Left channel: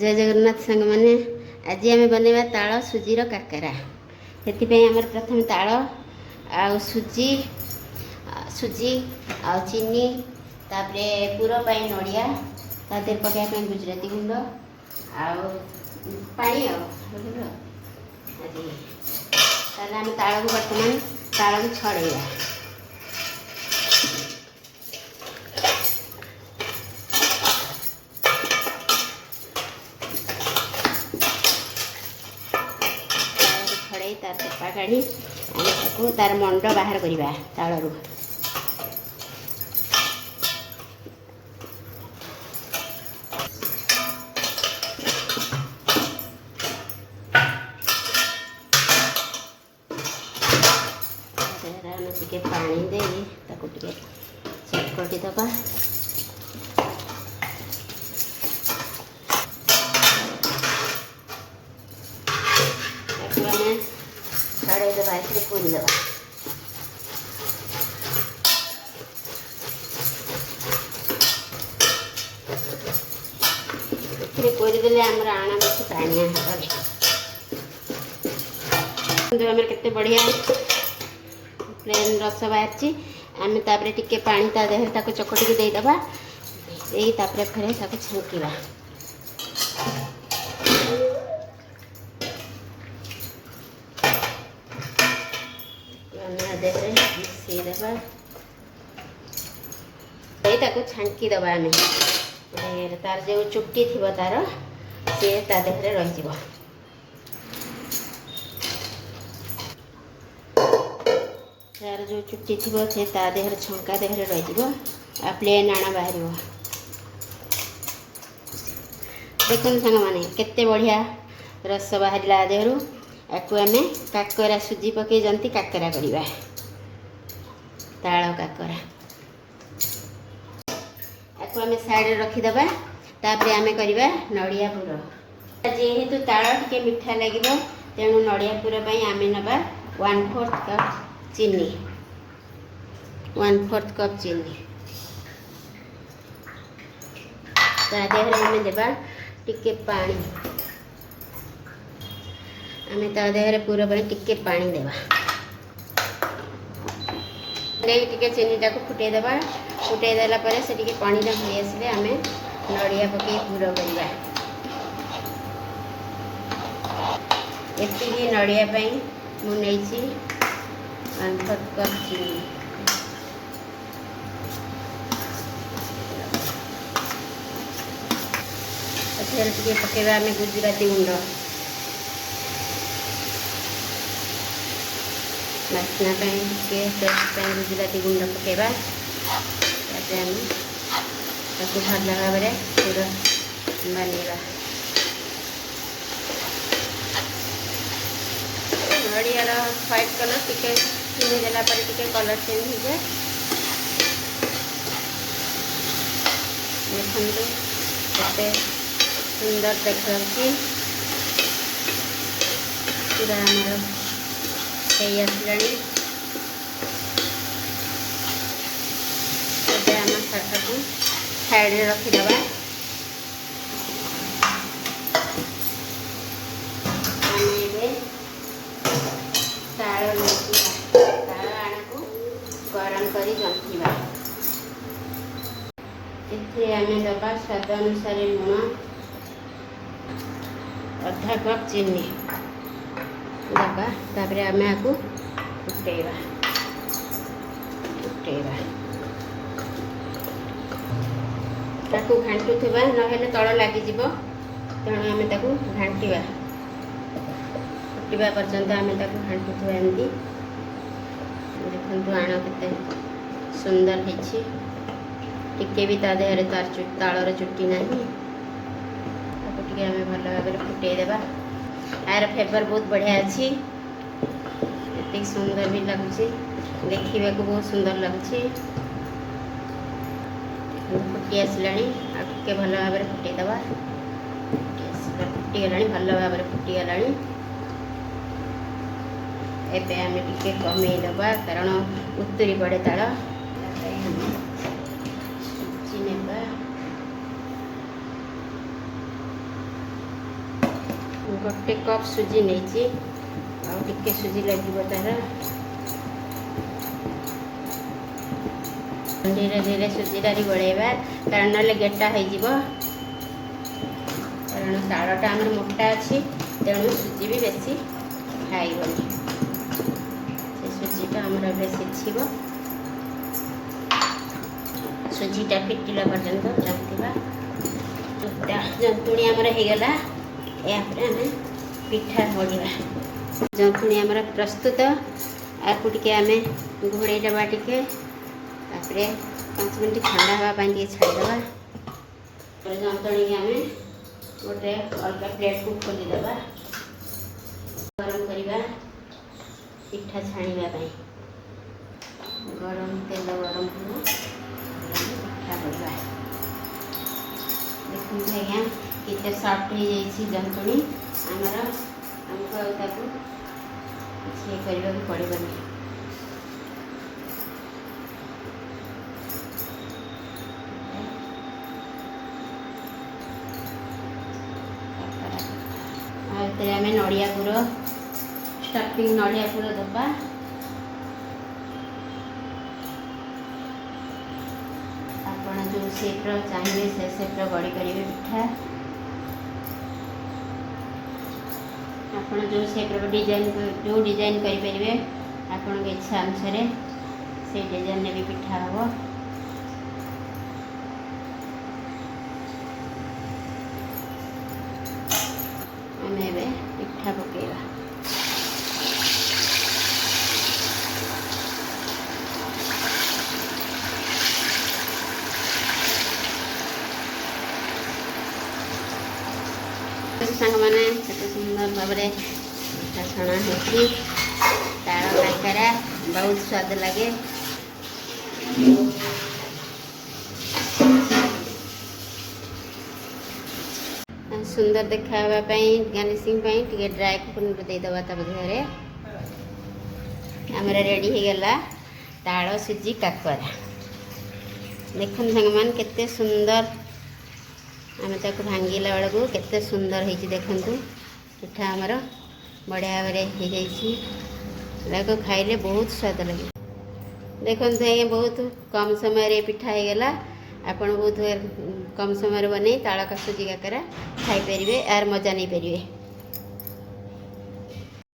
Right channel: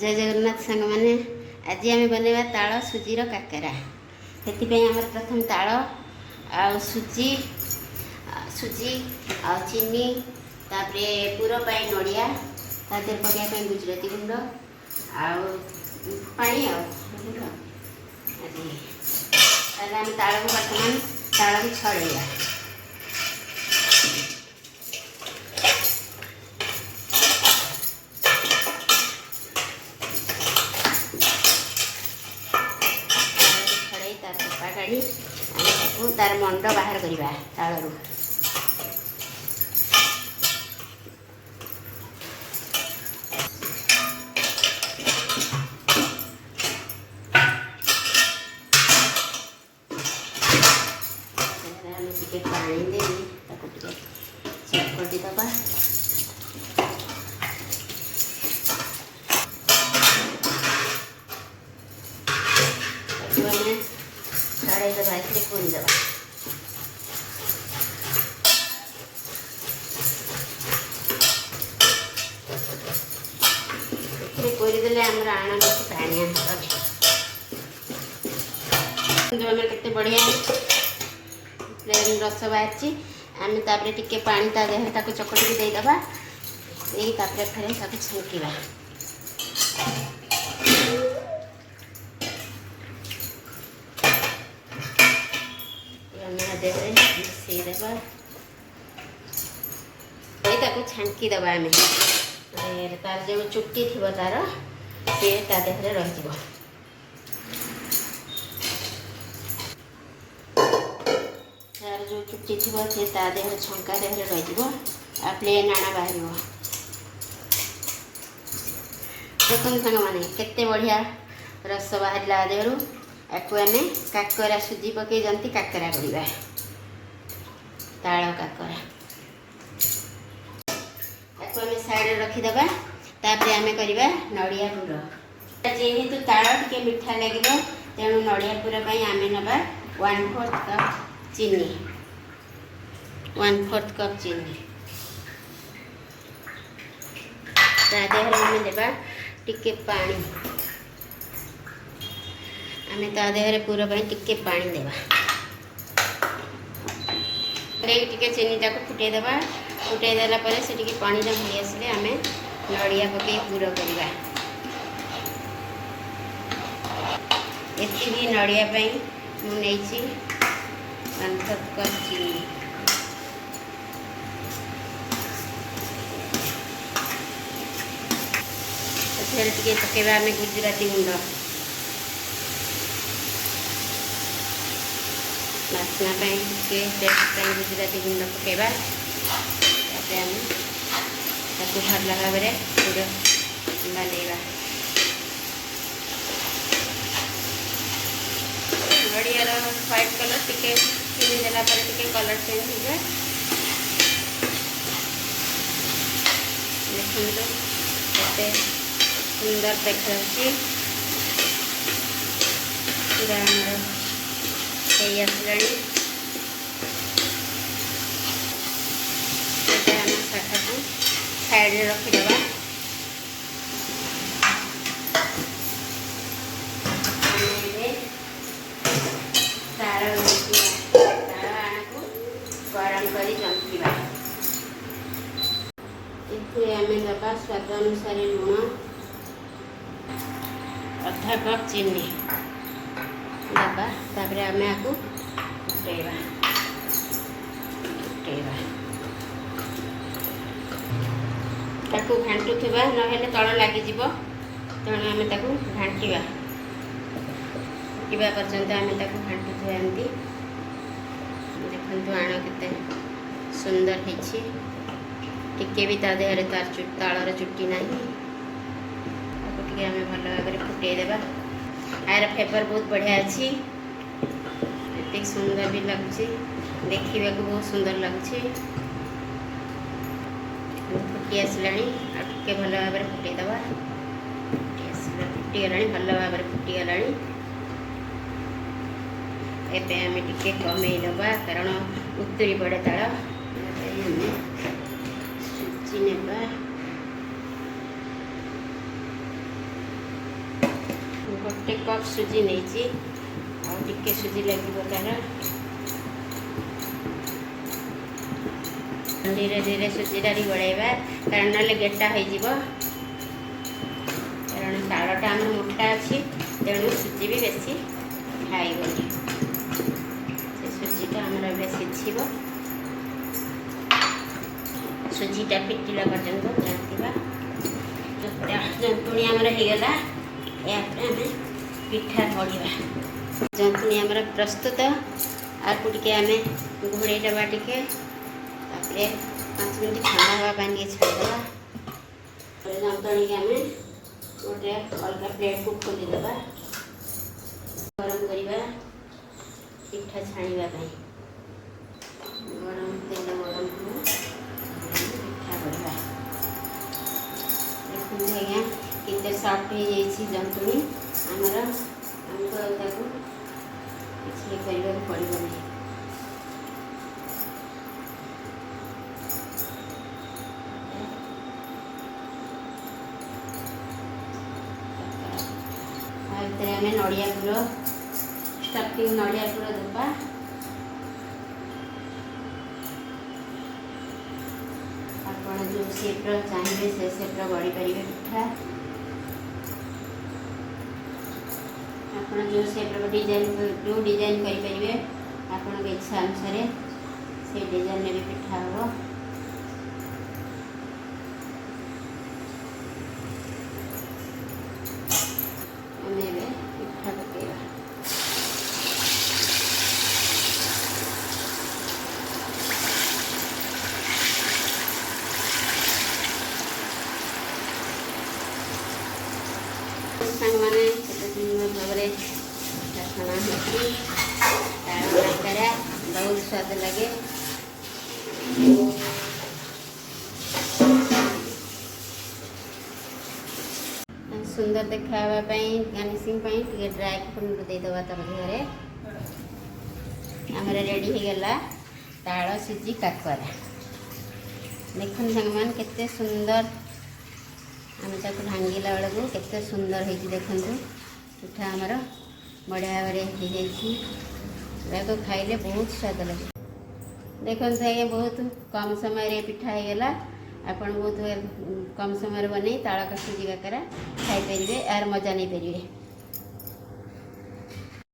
जय जगन्नाथ सांग मैंने आज आम बनवा ताल सुजीर काकेरा से प्रथम ताल आ सुजी सुजी आ चीनी तापरे पूर पाई नड़िया तादेह पकाइबा गुजराती गुंड पानी आम ताल को बर्तमान ताल को छड़ेगा तार चपा काढ़ी तार मंड बाहर करवा तालू टे पानी दे चटपटी दबा छड़े दबा पूरी दबा पूरी देले आमर आण बस पानिया हम के बढ़िया प्लेन रस बाहरी आम तापर टिके पानी ता देह चकटिकी देदेबा फिर छांकवा छांकी दबा आम तार जो चुट्टी थी तार सी देहरे रही तार जो चुट्टी थी से देहरे छंका देहरे रही प्लेन आण बाहर देखते सांग मैंने केते बढ़िया रस बाहर देहरु याकू आम काकरा सुजी पकई जंती काकरा करवा ताल काकरा याकू आम साइड रखीदबा तापर आम करवा नड़िया पुर जेहेतु ताल टिके मिठा लगे तेणु नड़िया पुर आम नवा 1/4 कप चीनी 1/4 कप चीनी तादेह आम देवा टिके पानी आम तादेह पूरा टिके पानी देवा टिके चीनी टाक फुटे देवा फुटे देला परे से टिके पानी हो आसले आम नड़िया पकई पूरा करवा एति नड़िया मुझे 1/4 कप चीनी टे पकेबा आम गुजराती गुंड नाचना टेस्ट गुजराती गुंड पकेबा भल भाव में पूरा बांधेगा नड़ियार व्हाइट कलर टिके चीनी देला टिके कलर चेंज हो जाए देखते केते सुंदर देखा पूरा आमर आसला साइड रखीदबा तार आण को गरम कर जंतिबा आम दबा स्वाद अनुसार लुण 1/2 कप चीनी दबा तापर आम आपको फुटेबा घाटुवा ना तल लगे तेणु आम घाटा फुटा पर्यंत आम घाटुवा एमती देखो आण के सुंदर टिके भी तादेह तालर चुट्टी ना आम भल भाव फुटेदेवा यार फ्लेवर बहुत बढ़िया अच्छी एत सुंदर भी लगुच देखा बहुत सुंदर लगुच फुटी आसला टे भल भाव में फुटेदबा फुटीगला भल भाव में फुटीगला एबे आम टे कमेदबा कारण उतरी पड़े ताल सुजी नेबा गोटे कप सुजी नहीं टिके सुजी लगे तार धीरे धीरे सुजीटा गोड़ेबा कारण ना गेटा हो कारण तालटा आम मोटा अच्छी तेणु सुजी भी बेसी खाईगली से सुजीटा आमर सीझब सुजीटा टिकिला पर्यंत जंतिबा जंतुणी आमर होगला यापर आम पिठा गढ़ा जंतुणी आमर प्रस्तुत आपको टे आम घोड़े दबा टे 5 मिनट ठंडा हाँपाई छाड़देवा जंतुणी आम गोटे अलग प्लेट को खोलीदे गरम करवा पिठा छाणापी गरम तेल गरम पिठा करवा देखते आज्ञा कितने सफ्ट हो जाइए जंतुणी आमर आमको करने पड़ेगा आम नड़िया गुड़ स्टफिंग नड़िया गुड़ दबा आप जो सेप्र चाहिए से सेप्र गढ़ी करेंगे पिठा आप जो सेप्र डिजाइन जो डिजाइन करेंगे आपण इच्छा अनुसार से डिजाइन भी पिठा हम पिठा पकेगा सांग मैंने सुंदर भाव में छणा होती ताड़ काकरा बहुत स्वाद लगे सुंदर देखापी गार्निशिंग टे ड्राई फ्रूट देदेबा देहरे आमर रेडी होगला ताड़ सुजी काकरा देखते सांग मान केते सुंदर आम ताक भांगिला बेलू केते सुंदर होती देखु पिठा आमर बढ़िया भाव खाइले बहुत स्वाद लगे देखते आज्ञा बहुत कम समय पिठा होगला आपन बहुत कम समय बने ताड़ का सुजी काकरा खाई पारे यार मजा नहीं पारे।